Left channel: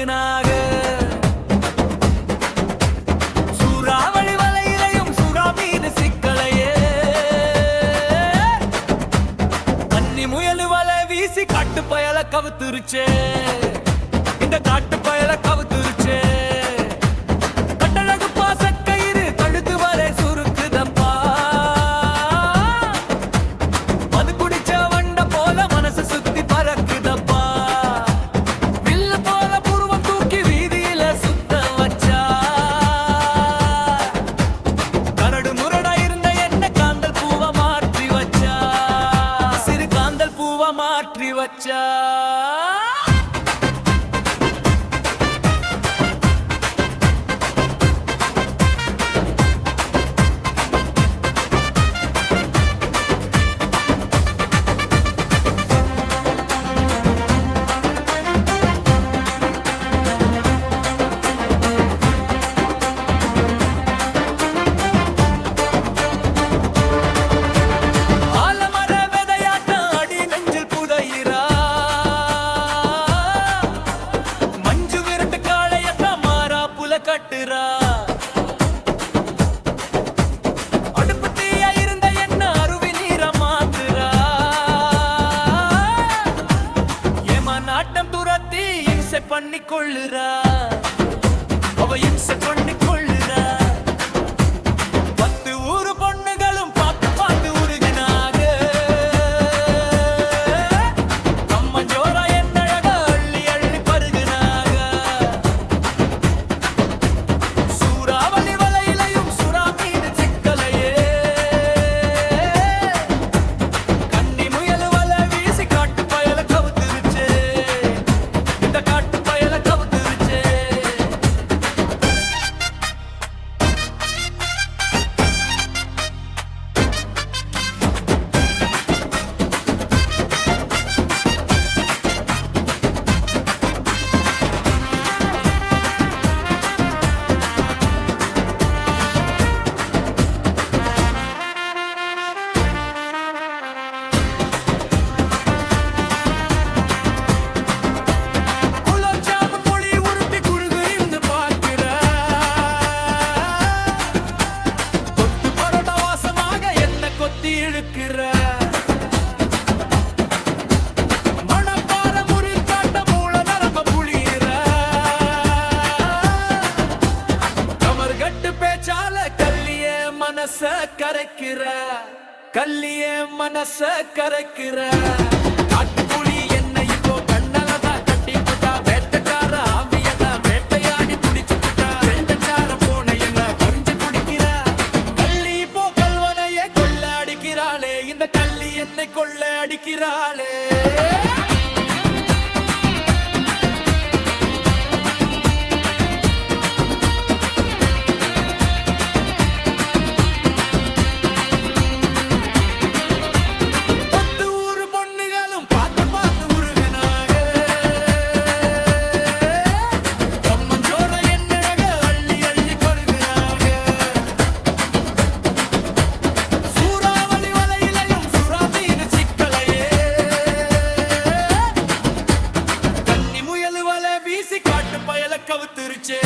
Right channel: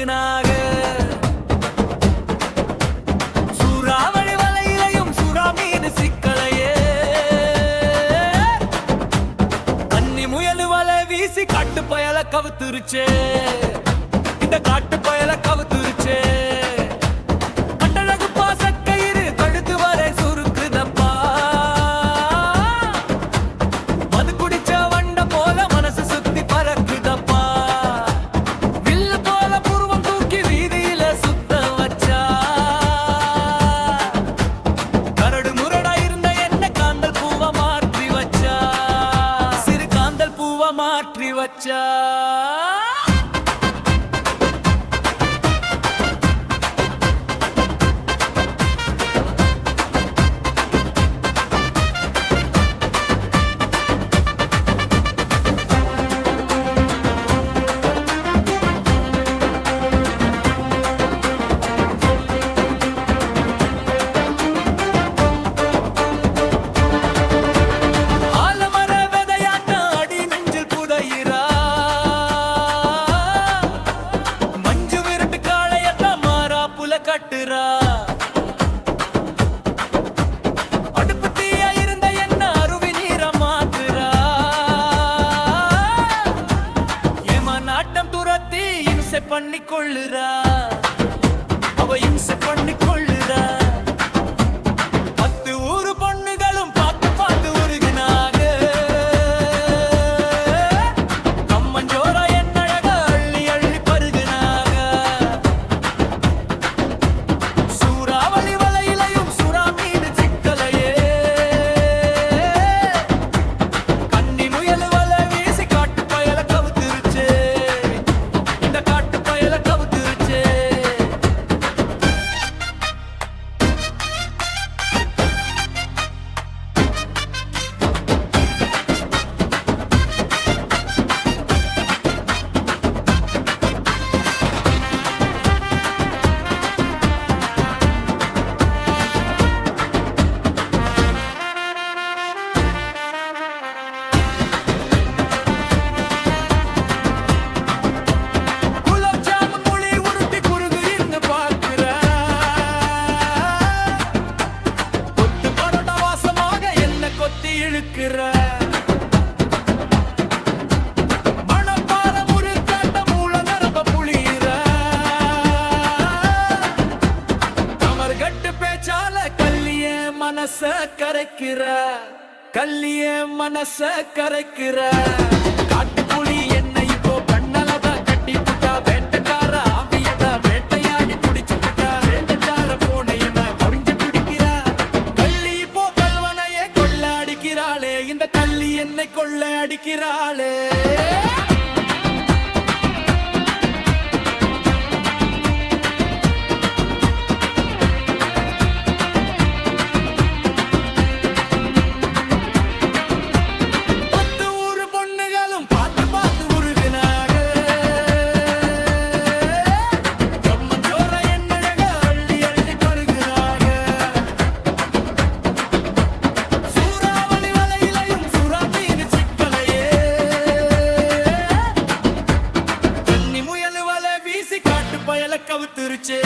பருகுனாக. சூறாவளி வலையிலையும் சுறா மீன் சிக்கலையே. கன்னி முயல் வலை வீசி காட்டு பயல கவுத்துருச்சே. இந்த காட்டு பயல கவுத்துருச்சே. கட்டழகு பாசக்கயிறு கழுத்து வரை சுருக்குதப்பா. மது குடிச்ச வண்ட போல மனசு சுத்தி பறக்குதப்பா. வில்லு போல புருவம் தூக்கி வீதியில சுத்த வச்சா. கரடு முரடா இருந்த என்ன காந்தல் பூவ மாற்றி வச்சா. சிறு காந்தல் பூவ மாற்றி வச்சா. கட்டுறா அடுப்பு தீயா இருந்த என்ன அருவி நீர மாத்துறா. ஏமா நாட்டம் துரத்தி இம்சை பண்ணி கொள்ளுறா. அவ இம்சை பண்ணி கொள்ளுறா. 10 ஊரு பொண்ணுகளும் பார்த்து பார்த்து உருகினாங்க. கம்மஞ்சோரா என்னழக அள்ளி அள்ளி பருகுனாங்க. சூறாவளி வலையிலையும் சுறா மீன் சிக்கலையே. கன்னி முயல் வலை வீசி காட்டு பயல கவுத்துருச்சே. இந்த காட்டு பயல கவுத்துருச்சே. கொத்தி இழுக்கிற மணப்பாற முறிக்காட்ட மூல நரம்ப புளியிற. கமர் கட்டு பேச்சால கல்லிய மனச கரைக்கிற. கல்லிய மனச கரைக்கிற. காட்டு புலி என்ன இப்போ கண்ணலதான் கட்டி புட்டா. வேட்டக்கார ஆவியதா வேட்டையாடி குடிச்சு புட்டா. வேட்டச்சார போன என்ன குறிஞ்ச குடிக்கிறா. கள்ளி இப்போ கல்வனையே கொள்ள அடிக்கிறாளே. இந்த கள்ளி என்னை கொள்ள அடிக்கிறாளே. முயல் வலை வீசி காட்டு பயல கவுத்துருச்சே.